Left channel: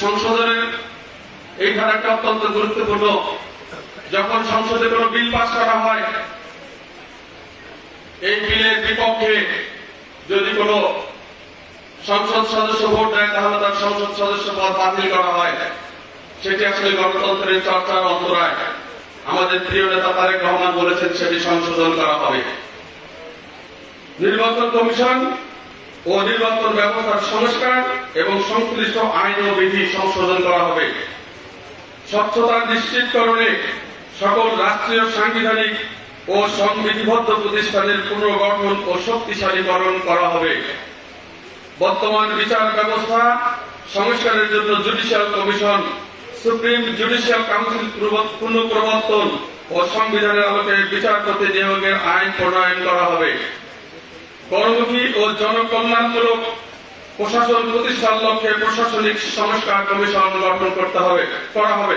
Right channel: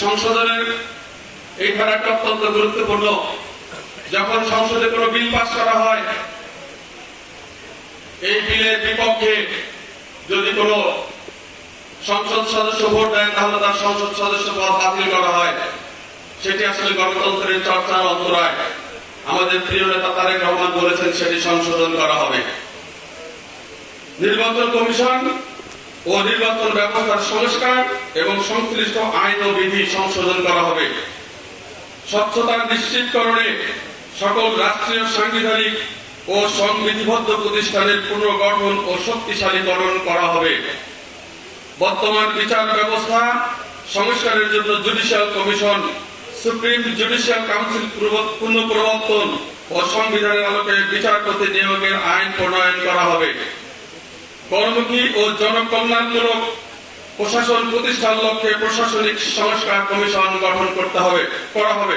সংশোধনের এই ধারাটা অত্যন্ত গুরুত্বপূর্ণ। যখন সংসদে কোনো বিল পাস করা হয়, এই বিলের বিপক্ষে যদি কোনো সংসদ সদস্য ভোট দেয় তাহলে তার সংসদ সদস্য পদ বাতিল করা হয়। সেটি আসলে গণতন্ত্রের চর্চার অন্তরায়। আমাদের প্রিয় নেতা তারেক রহমান বলেছেন সেটি সংশোধন করা হবে। নির্বাচন কমিশন ও নির্বাচন ব্যবস্থার সংস্কার এবং সংশ্লিষ্ট আইন ও বিধি সংশোধন করা হবে। স্বচ্ছতা নিশ্চিতকরণে সকল রাষ্ট্রীয় সাংবিধানিক ও সংবিধিবদ্ধ প্রতিষ্ঠানের পুনর্গঠন ও শক্তিশালীকরণ করা হবে। বর্তমান বিচার ব্যবস্থা সংস্কারের জন্য judicial commission, supreme judicial council পুনঃপ্রবর্তন ও সংবিধানের আলোকে বিচারপতি নিয়োগের আইন প্রণয়ন করা হবে। কর্মমুখী ও জনকল্যাণমূলক প্রশাসন প্রতিষ্ঠার লক্ষ্যে প্রশাসনিক সংস্কার কমিশন গঠন করা হবে।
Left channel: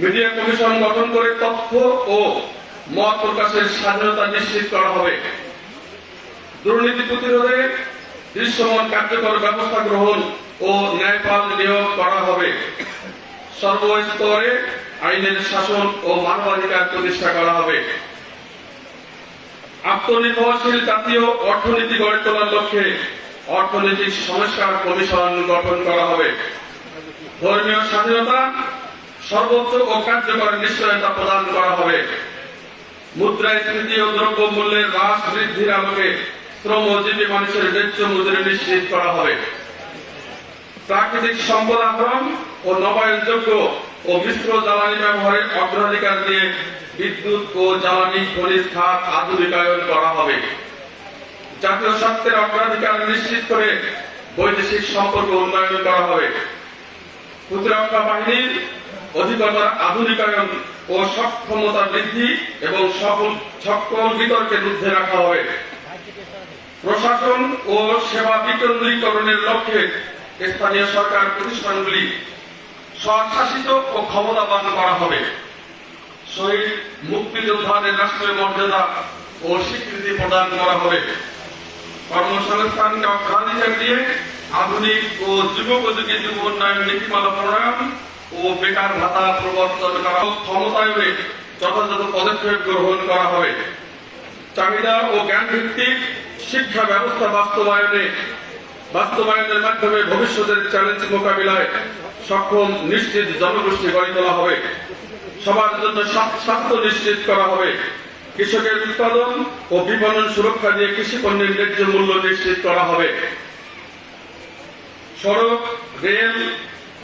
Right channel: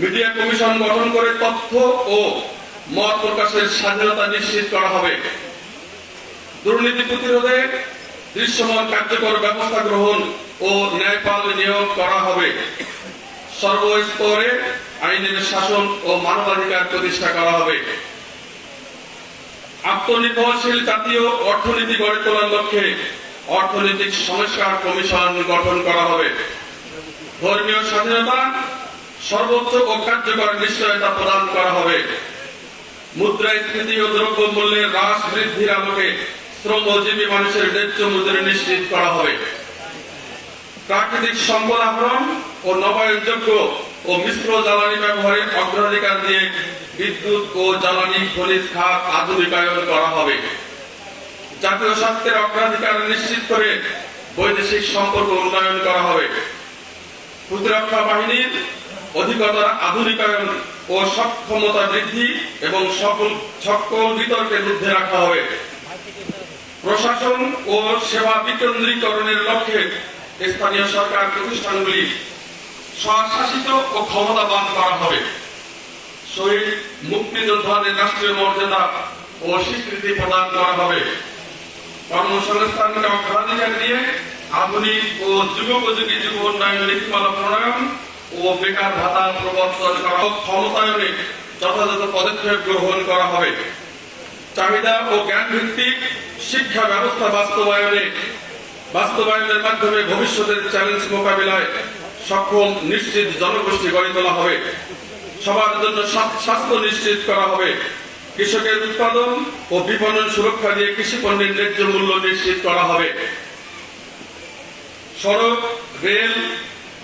মিডিয়া কমিশন গঠন করে তথ্য ও মত প্রকাশের স্বাধীনতা নিশ্চিত করা হবে। দুর্নীতি প্রতিরোধে দৃশ্যমান কার্যকর ব্যবস্থা গ্রহণ ও ন্যায়পাল নিয়োগ করা হবে। সর্বস্তরে আইনের শাসন ও মানবাধিকার প্রতিষ্ঠা করা হবে। আত্মনির্ভরশীল জাতীয় অর্থনীতি গড়ে তোলার লক্ষ্যে অর্থনৈতিক সংস্কার কমিশন গঠন করা হবে। ধর্মীয় স্বাধীনতা সর্বোচ্চ ও কার্যকর নিশ্চয়তা প্রদান করা হবে। মুদ্রাস্ফীতি ও দ্রব্য মূল্যের হ্রাস বৃদ্ধির আলোকে শ্রমজীবী মানুষের ন্যায্য মজুরি নিশ্চিত করা হবে। প্রাকৃতিক সম্পদ আহরণ ও নবায়নযোগ্য ও মিশ্র জ্বালানি ব্যবহারের অগ্রাধিকার দিয়ে বিদ্যুৎ ও জ্বালানি খনিজ খাত আধুনিকায়ন করা হবে। জাতীয় স্বার্থের অগ্রাধিকার নিশ্চিত করে বৈদেশিক সম্পর্ক উন্নয়ন করা হবে। প্রতিরক্ষা বাহিনীর অধিকতর আধুনিকায়ন ও সক্ষমতা বৃদ্ধি এবং সকল বিতর্কের ঊর্ধ্বে রাখা হবে। প্রশাসন ও সেবা বিকেন্দ্রীকরণের লক্ষ্যে স্থানীয় সরকার প্রতিষ্ঠানগুলি স্বশাসিত ও ক্ষমতাবান করা হবে। শহীদ মুক্তিযোদ্ধাদের রাষ্ট্রীয় মর্যাদা ও স্বীকৃতি প্রদান করা হবে। কর্মসংস্থানকে অগ্রাধিকার দিয়ে আধুনিক ও যুগোপযোগী যুব উন্নয়ন নীতিমালা প্রণয়ন ও বেকার ভাতা প্রবর্তন করা, ক্ষমতায়নে যথাযথ পদক্ষেপ গ্রহণ করা হবে। চাহিদা ও জ্ঞান ভিত্তিক শিক্ষা ব্যবস্থা বাস্তবায়নের মাধ্যমে ভবিষ্যতের চ্যালেঞ্জ মোকাবিলায় সক্ষম নিশ্চিত জনগোষ্ঠী গড়ে তোলা হবে। সবার জন্য স্বাস্থ্য নিশ্চিত করা হবে। কৃষকের উৎপাদন ও বিপণন সুরক্ষা দিয়ে কৃষি পণ্যের ন্যায্য মূল্য নিশ্চিত করা হবে। সড়ক, রেল,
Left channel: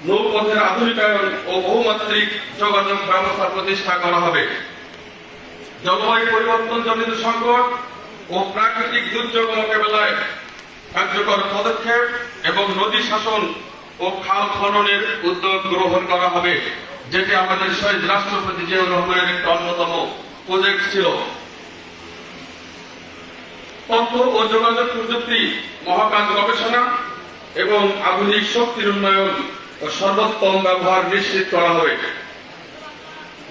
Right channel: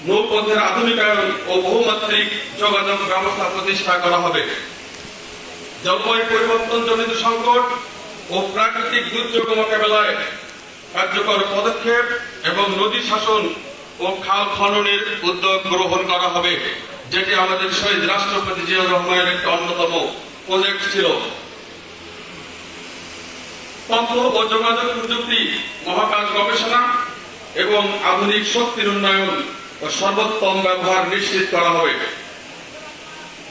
নৌপথের আধুনিকায়ন ও বহুমাত্রিক যোগাযোগ ব্যবস্থা প্রতিষ্ঠা করা হবে। জলবায়ু পরিবর্তন জনিত সংকট ও প্রাকৃতিক দুর্যোগ মোকাবেলায় কার্যকর পদক্ষেপ এবং নদী শাসন ও খাল খননের উদ্যোগ গ্রহণ করা হবে, যেটি আমাদের শহীদ রাষ্ট্রপতি জিয়াউর রহমানের একটি অন্যতম প্রজেক্ট ছিল। তথ্য ও যোগাযোগ প্রযুক্তি, মহাকাশ গবেষণা এবং আধুনিক শক্তির উন্নয়ন ও সর্বোত্তম ব্যবহার নিশ্চিত করা হবে।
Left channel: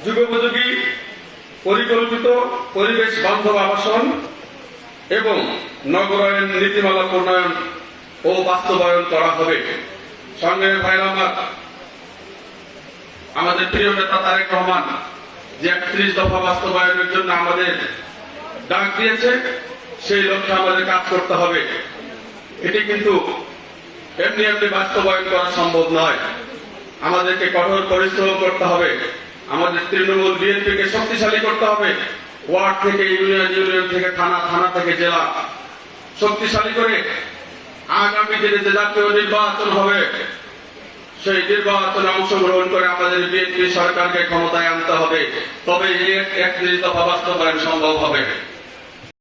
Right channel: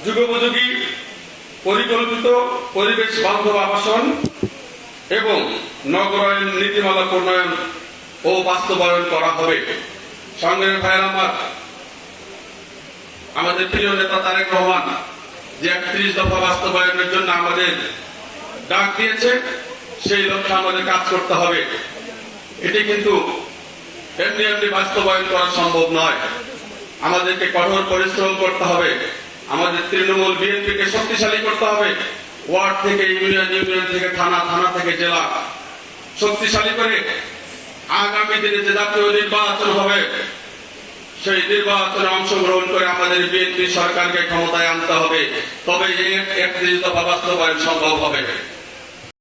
যুগোপযোগী পরিকল্পিত পরিবেশ বান্ধব আবাসন এবং নগরায়ন নীতিমালা প্রণয়ন ও বাস্তবায়ন করা হবে। সংগ্রামী ভাইয়েরা, আমাদের প্রিয় নেতা তারেক রহমান যে 31 দফা বাস্তবায়নের জন্য আমাদের ডাক দিয়েছে, সেই লক্ষ্যে আমাদের কাজ করতে হবে। এটি কিন্তু এমনি বাস্তবায়ন করা সম্ভব নয়। আমাদেরকে কঠোর পরিশ্রম করতে হবে। আমাদের তৃণমূল বিএনপিকে শক্তিশালী করতে হবে। ওয়ার্ড থেকে ইউনিয়ন, ইউনিয়ন থেকে থানা, থানা থেকে জেলা শক্তিশালী করে আগামী দিনে যে জাতীয় নির্বাচন হবে, সেই নির্বাচনে অংশগ্রহণ করে আমাদের বিএনপি সরকারকে ক্ষমতায় আনতে হবে। তবে এই 31 দফা বাস্তবায়ন সম্ভব হবে।